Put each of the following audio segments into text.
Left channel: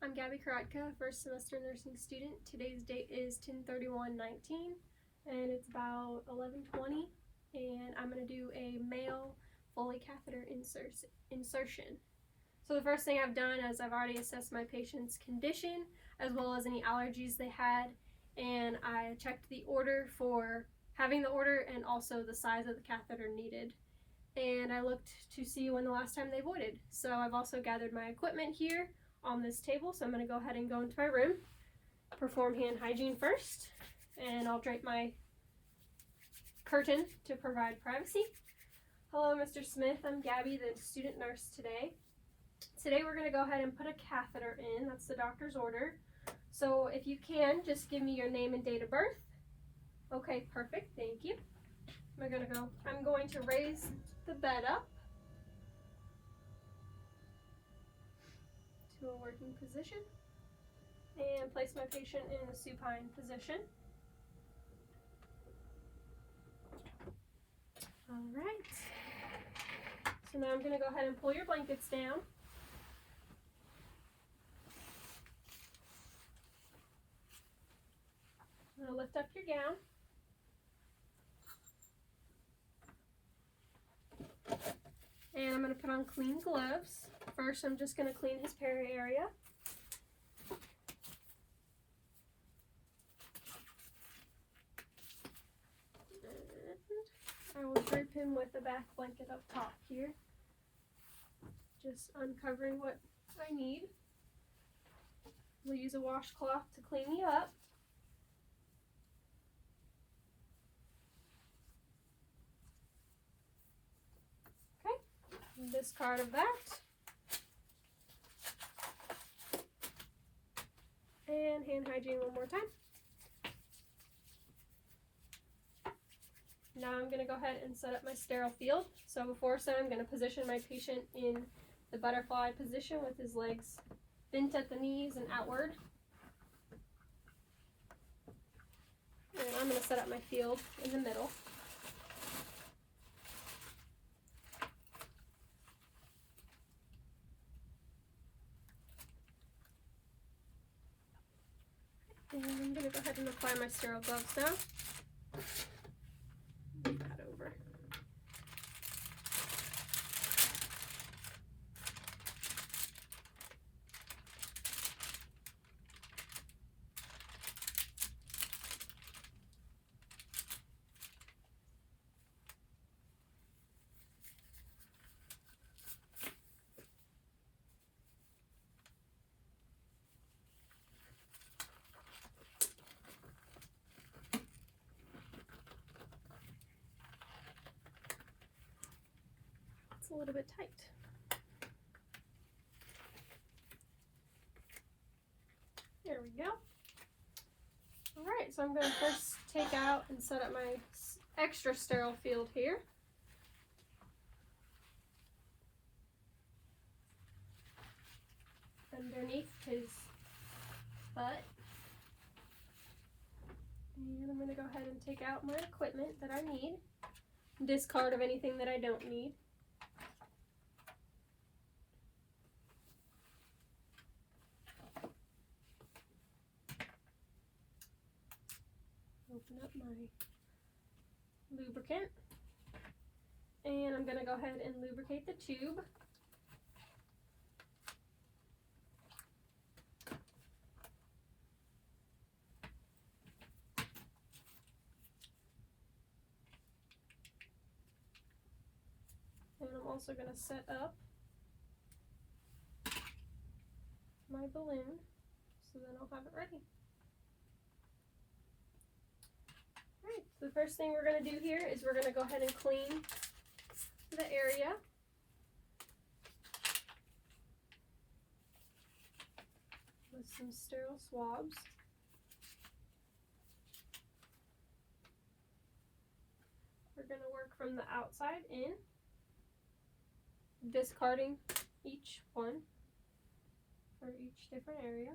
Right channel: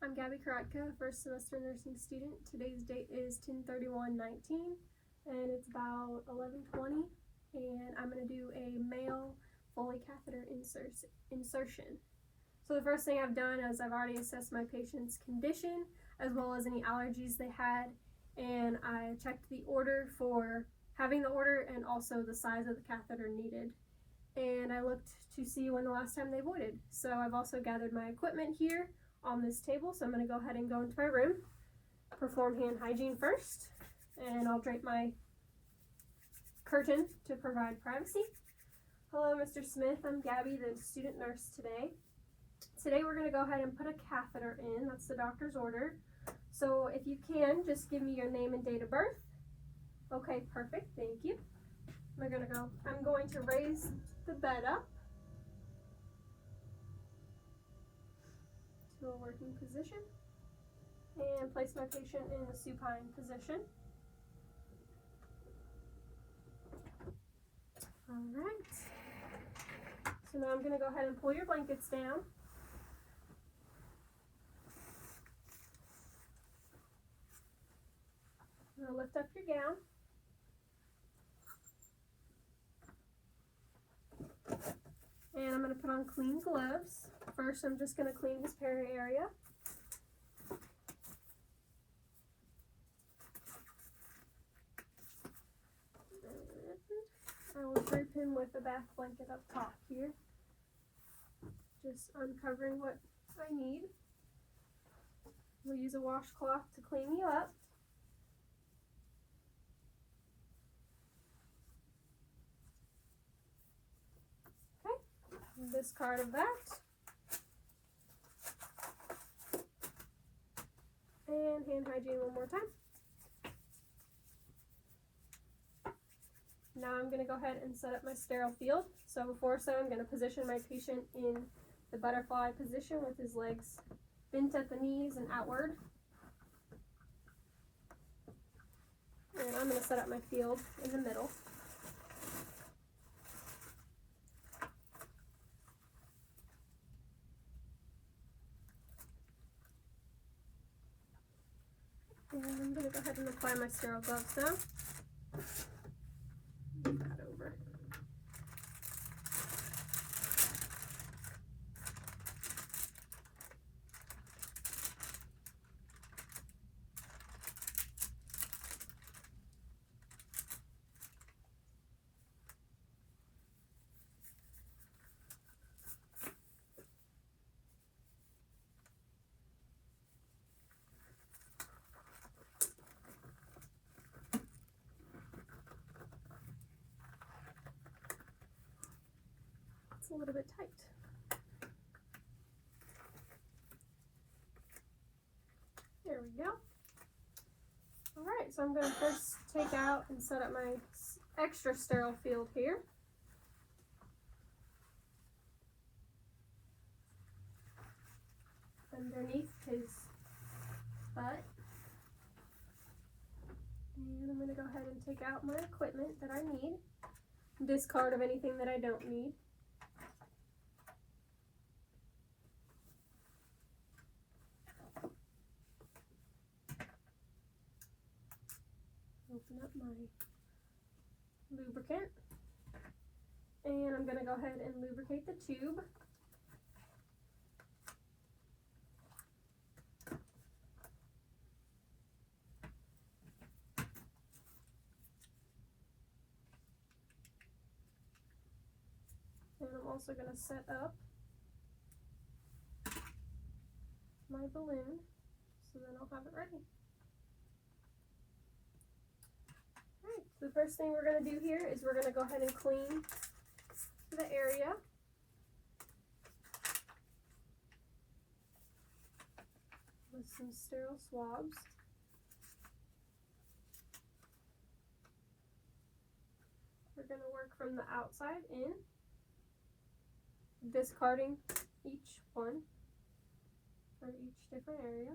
I'm Gabby Karatka, first semester nursing student. Today's date is 10/31/19 and it's about 11:20 and I'm going to do a male Foley catheter insertion. So the first thing I've done is I've already assessed my patient's condition as well as any allergies they had, and I checked the order for having the order and also the size of the catheter needed. And I looked to see when the last time they voided. So I've also gathered my equipment here on this table, so I'm going to go ahead and go into my room, perform hand hygiene first, and I'll drape my curtain to provide privacy. Hello, Mr. Smith. I'm Gabby, the student nurse today. Today we're going to go ahead and put a catheter in. That's the doctor's order. So if you can, just give me your name and date of birth. Okay, perfect. Thank you. I'm going to raise the bed up to a working position and place my patient in a supine position. All right. So now I'm going to go ahead and pull your blankets down. I'm going to lift up your gown. And I'm going to put on clean gloves. First, I'm just going to clean his peri area. And I will drape him with a bath blanket up top here. Just uncovering what I need. We'll use a washcloth to clean you up. Discard of that. And hand hygiene one more time. Now I'm going to go ahead and set up my sterile field. So before so, I'm going to position my patient in the butterfly position with his legs bent at the knees and outward. And I'm going to set up my field in the middle. And I'm going to go ahead and apply my sterile gloves now. Move that over. A little bit tight. There we go. All right, so I'm going to first take out and set up my extra sterile field here. Underneath his butt. And I'm going to go ahead and take out my equipment that I need. Discard of anything that I don't need. Open up my lubricant, and I'm going to go ahead and lubricate the tube. And I'm also going to set up my balloon so then I'll have it ready. The first thing we're going to do here is we're going to go ahead and clean the area. With some sterile swabs. We're going to work from the outside in, discarding each one for each different area.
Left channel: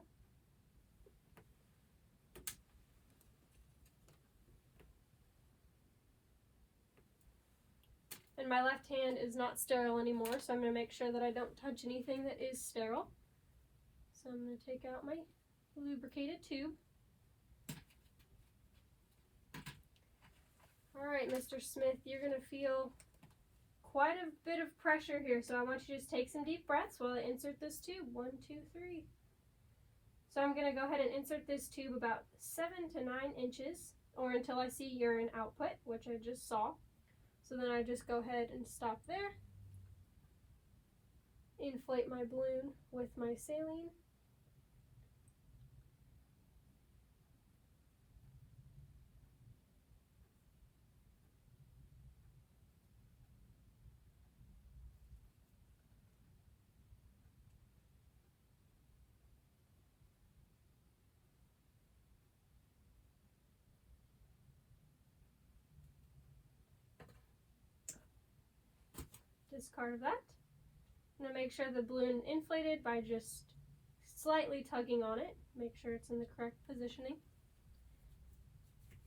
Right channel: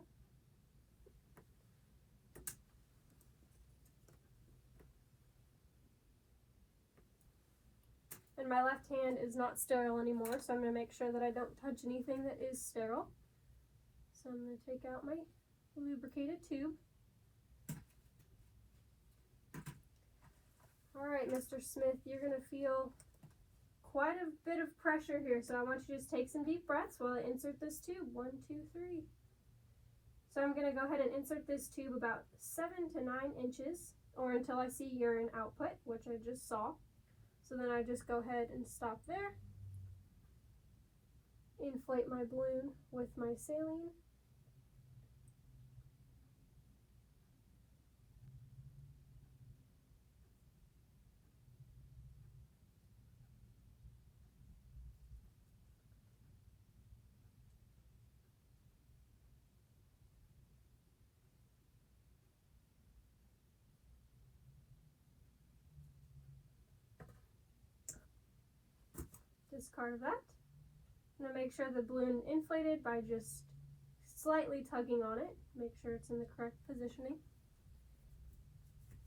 And my left hand is not sterile anymore, so I'm going to make sure that I don't touch anything that is sterile. So I'm going to take out my lubricated tube. Alright, Mr. Smith, you're going to feel quite a bit of pressure here, so I want you to just take some deep breaths while I insert this tube. 1, 2, 3. So I'm going to go ahead and insert this tube about 7 to 9 inches, or until I see urine output, which I just saw. So then I just go ahead and stop there. Inflate my balloon with my saline. Discard of that. I'm going to make sure the balloon is inflated by just slightly tugging on it. Make sure it's in the correct positioning.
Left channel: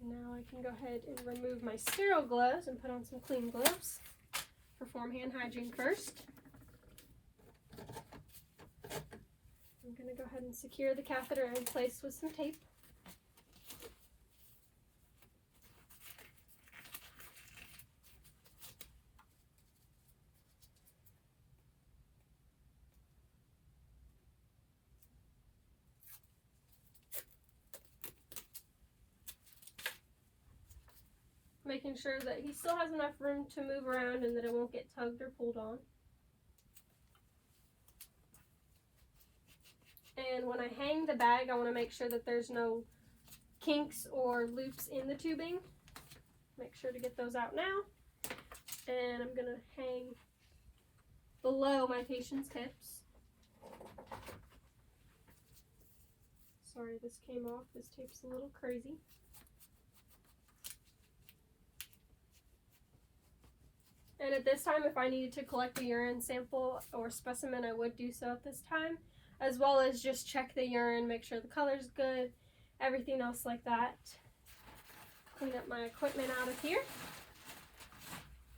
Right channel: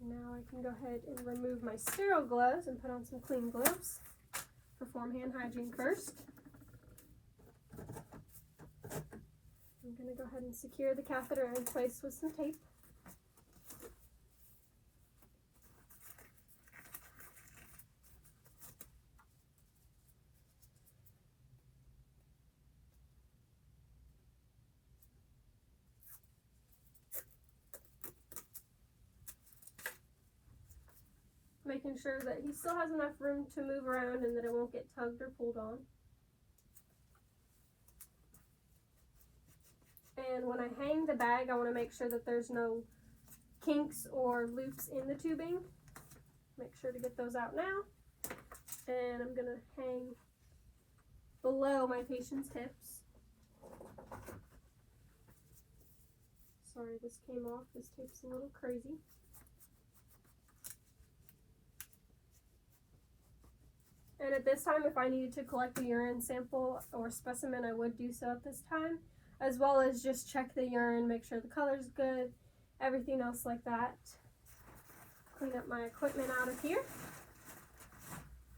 Now I can go ahead and remove my sterile gloves and put on some clean gloves. Perform hand hygiene first. I'm going to go ahead and secure the catheter in place with some tape. Making sure that he still has enough room to move around and that it won't get tugged or pulled on. And when I hang the bag, I want to make sure that there's no kinks or loops in the tubing. Make sure to get those out now. And I'm going to hang below my patient's hips. Sorry, this came off. This tape's a little crazy. And at this time, if I needed to collect a urine sample or specimen, I would do so at this time, as well as just check the urine, make sure the color's good, everything else like that. Clean up my equipment out of here.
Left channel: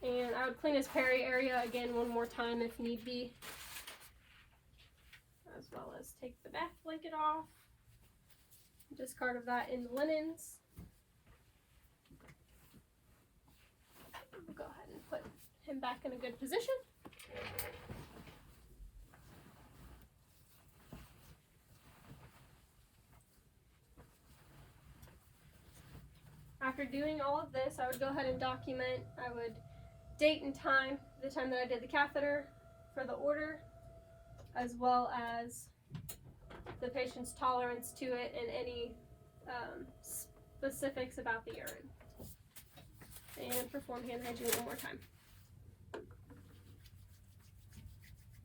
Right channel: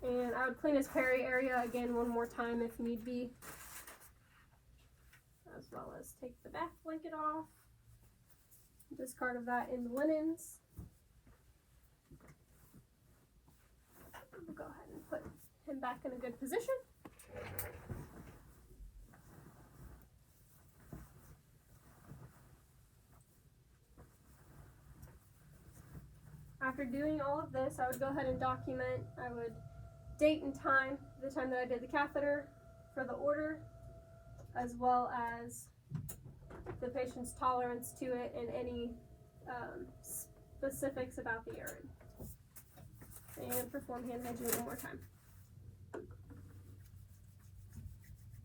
And I would clean his peri area again one more time if need be, as well as take the bath blanket off. Discard of that in the linens. We'll go ahead and put him back in a good position. After doing all of this, I would go ahead and document. I would date and time, the time that I did the catheter for the order, as well as the patient's tolerance to it and any specifics about the urine. And perform hand hygiene one more time.